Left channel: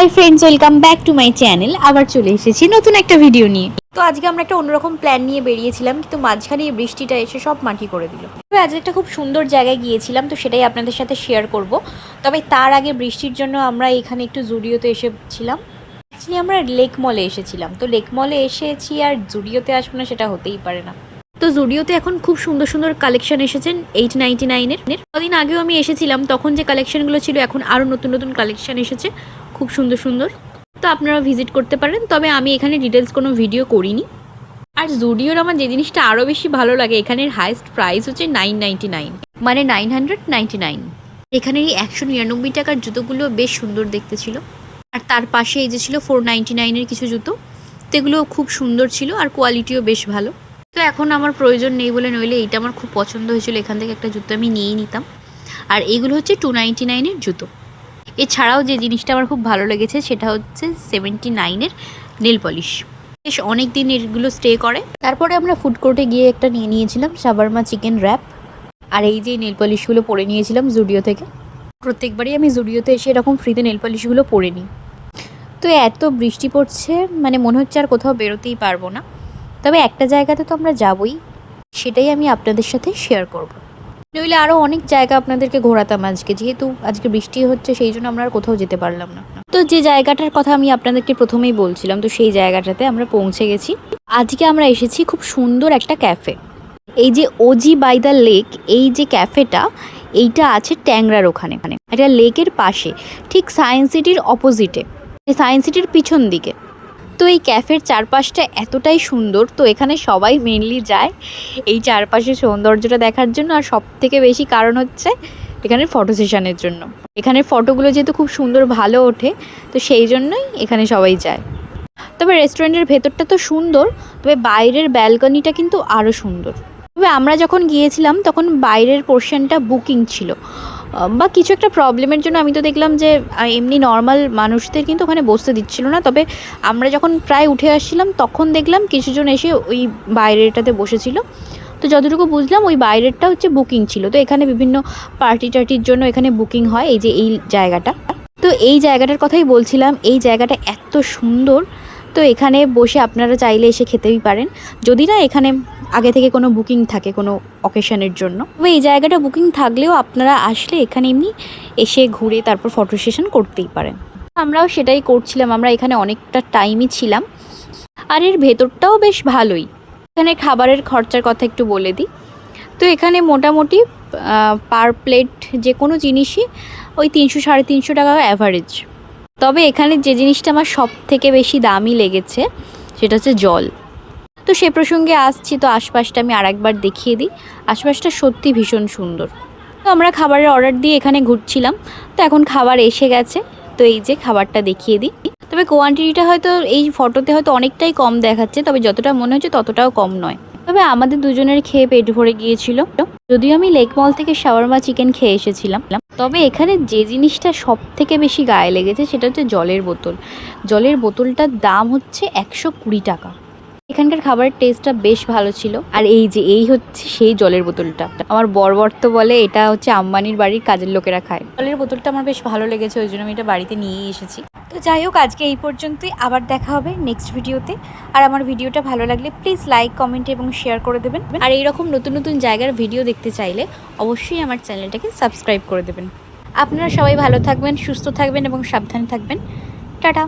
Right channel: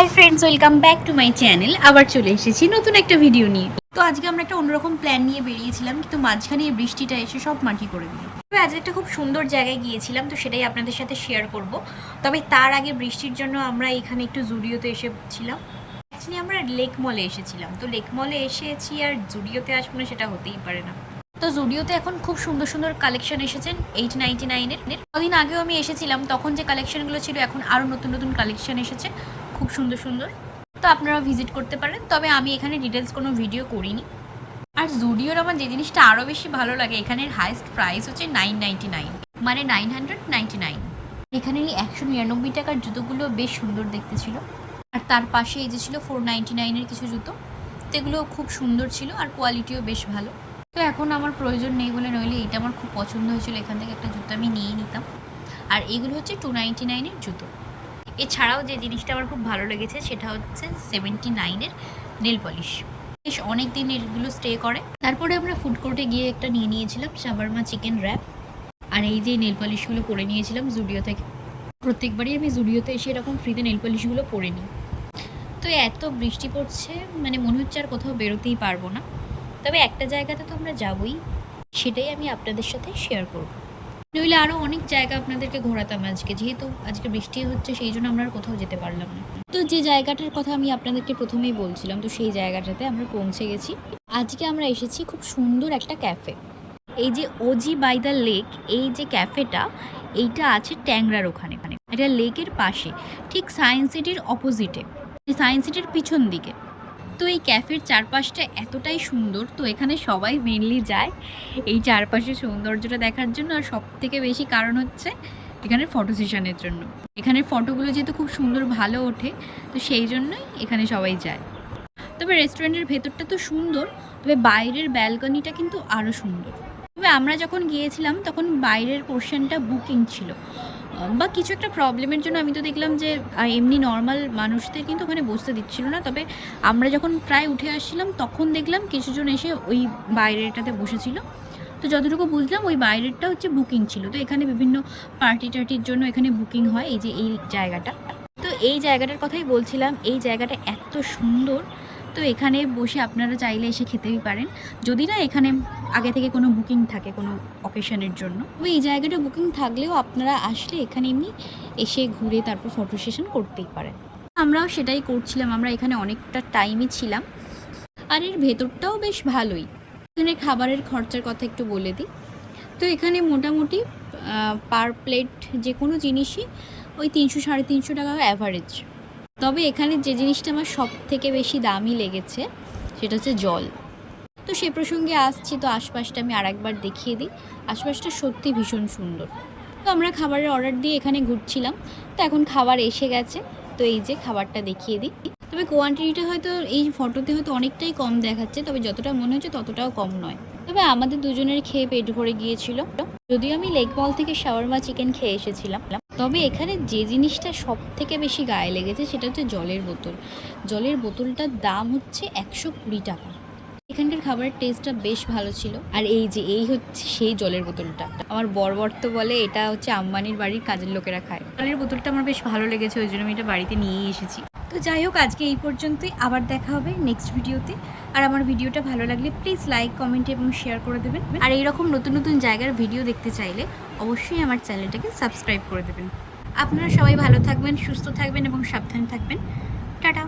Hi friends, welcome back to my channel. আবার চলে এসেছি নতুন একটা ভিডিও নিয়ে। তো আজকে আমরা একটা অন্যরকম প্ল্যান নিয়ে বেরিয়েছিলাম, কিন্তু মাঝখানে এই বৃষ্টিটা এসে সব মাটি করে দিল। তবে আজ একটা খুব সুন্দর জায়গায় গিয়েছিলাম, তো সেটাই আপনাদের সাথে শেয়ার করব। তবে তার আগে বৃষ্টির জন্য আমরা এখানে একটু জুডিওতে এসেছিলাম। অ্যাকচুয়ালি আমরা লেক মলে এসেছিলাম, তো লেক মলে এসেছি আর জুডিওতে আসবো না সেটা হতেই পারে না। তো জুডিওতে এখন খুব সুন্দর সুন্দর কালেকশন এসেছেন 899-এর। কদিন আগেও আমি এসেছিলাম, তখন যে কালেকশনগুলো ছিল এখন আরও নতুন নতুন কালেকশন এসেছে, খুব সুন্দর সুন্দর। তো আপনারা ভিজিট করতে পারেন, তবে আমি এখানে ডিটেলস কোনো ভিডিও করিনি। আর জুডিওর আমার যে জিনিসটা আরও বেশি ভালো লাগে, এখানের হাইস্ট প্রাইস হচ্ছে 999, মানে 999। এখানের এই 199 টাকার জুতোগুলো বেশ সুন্দর দেখতে ছিল। আর তার পাশে এই যে ছিল 499-এর কিছু জুতো, তো এগুলো খুব সুন্দর ছিল আর কোয়ালিটিও বেশ ভালো। তো এখন আমার প্রয়োজন নেই বলে, নইলে এইটা আমার খুব পছন্দ হয়েছিল, এখান থেকে একটা জুতো আমি নিয়েই নিতাম। আর এইগুলো হচ্ছে 299-এর জুতো। এছাড়াও যে জিনিসটা আমার খুব ভালো লেগেছে সেটা হচ্ছে 79-এর নেল পলিশ। বেশ অনেক দিন এগুলো স্টে করে। তারপরে আমরা ফুড কোর্টে গিয়ে একটা নিয়ে নিয়েছিলাম শাওয়ারমা চিকেন র্যাপ। আর এই যে নেল পলিশগুলো পরে নিয়েছিলাম জুডিও থেকে। প্রত্যেকবারই আমি জুডিওতে এসে এরকম ফ্রিতে নেল পলিশগুলো পরে নিই। তো এত বৃষ্টি পড়ছে, মানে মনে হচ্ছে আর কোথাও বেরোতেই পারবো না। তবে একটা জায়গাতে তো আমরা যাবই, সেটাই আমি আপনাদের সাথে শেয়ার করব। নইলে আরও অনেক জায়গা আপনাদেরকে ঘোরাতাম আজকে, যেহেতু আজকে বৃষ্টি হচ্ছে সেই জন্য আমরা আর কোথাও যেতে পারলাম না। তো যে জায়গাটার কথা আমি আপনাদেরকে প্রথমেই বলছিলাম, তো সেই জায়গাটাতে আমরা পৌঁছে গেছি। আজকে আমরা এসেছি খুব সুন্দর একটা ক্যাফে। এই যে ওজি বাই দ্য লেক, এই যে ক্যাফেটা, এইটা আছে ট্যাংরার ওখানে, একটা লেকের পাশে, ঠিক সায়েন্স সিটির অপোজিটে, সায়েন্স সিটির পিছন দিকে। তো এই ক্যাফের চারপাশটা এতটাই সুন্দর, তো এখানে সবাই মেনলি যায় এই চারপাশের সৌন্দর্যটা দেখার জন্য। আর সব থেকে বেশি কারণ হচ্ছে এখানের ফটো সেশনের জন্য। এখানের ফটোগুলো যেহেতু খুব সুন্দর ভালো ওঠে, তো সেই জন্যই এখানে সবাই যায়। তবে রেস্টুরেন্টের ভেতরটা তো সুন্দর, তবে বাইরের ব্যালকনিটা কিন্তু আরও সুন্দর। তবে আমরা যখন গিয়েছিলাম তখন বাইরের পোর্শনটা বুকিং ছিল, বা কিছু একটা প্রবলেমের জন্য। আমি তো দেখলাম যে এমনি নর্মাল মানুষদের কিন্তু ওখানে বসতে দিচ্ছিল না। তবে আমরা যখন প্রায় উঠে আসছিলাম তখন দেখলাম কিছুজন এসে ওই বাইরেরটাতে বসেছিল। তো যতটুকু বুঝলাম ওই বাইরেরটা হচ্ছে বুকিং ছিল। তো এখানে বিভিন্ন পার্টি টার্টির জন্য এখানে বুকিং হয়, এই যে এই জায়গাটা। তো এই জায়গাটার কথাই বলছিলাম, এই জায়গাটা এত সুন্দর। তো এখানে বসে আপনারা চাইলে এসে খেতেই পারেন, যদি না এখানে আগে থেকে কোনো বুকিং থাকে কোনো অকেশনের জন্য। তবে এই জায়গাটা বুকিং থাকলেও আপনারা আসলে এখানে এমনি এসে ঘুরে তারপর ফটো সেশন করতেই পারেন। আমরাও সেটাই করছিলাম, আমরা এখানে অনেকটা টাইমই ছিলাম। আর এর ভেতরটাও বেশ ভালোই। এখানে খাবারের খরচার কথা একটু বলে দিই। তো এখানে মোটামুটি পার প্লেট যে কোনো জিনিসই ওই 300-350 টাকা অ্যাভারেজ। তবে এখানে যে জিনিসটা আমার সব থেকে বেশি দামি লেগেছে সেটা হচ্ছে জল। তো সে প্রসঙ্গে আসছি, তো আশপাশটা আমি আরেকবার দেখিয়ে দিই। আশপাশটা সত্যি ভীষণ সুন্দর। তো আমরা খাবারের অর্ডার দিয়ে এখানে ঘুরছিলাম, তো এখন খাবার এসে গেছে। তো এই যে খাবারটা দেখিয়ে দিই। তবে কোয়ান্টিটিটা হয়তো এই ফটোতে হয়তো অনেকটাই কম দেখাচ্ছে, তবে যতটা মনে হচ্ছে ততটাও কম নয়। তবে আমাদের দুজনের খেয়ে পেট ভরে গিয়েছিল। যদিও আমি লেক মল থেকে শাওয়ারমা চিকেন খেয়ে এসেছিলাম, তবে এখানে যে জিনিসটা সব থেকে বেশি গায়ে লেগেছে সেটা হচ্ছে জলের বোতল। জলের বোতলটার দাম হচ্ছে 120 টাকা। এখানকার খাবারের টেস্টটা বেশ ভালো ছিল। আর এই যে এই হচ্ছে সেই জলের বোতলটা, আমার বর তো বলে এটা হচ্ছে আম্বানির বাড়ির কাজের লোকেরা খায়। জলের বোতলটা আমার বেশ ভালো লেগেছে, ওই জন্য আমি এটা বাড়িতে নিয়েই এসেছি। তো যাই হোক, আজকে এই পর্যন্তই। আবার দেখা হবে নেক্সট ভিডিওতে। আর আমার ভিডিওটা ভালো লাগলে প্লিজ লাইক, কমেন্ট এবং শেয়ার করে দেবেন। আর এইরকম নতুন নতুন জায়গার ভিডিও দেখতে চাইলে অবশ্যই আমার চ্যানেলটাকে সাবস্ক্রাইব করে দেবেন। আপনারা সবাই ভালো থাকবেন, সুস্থ থাকবেন এবং সাবধানে থাকবেন। টাটা।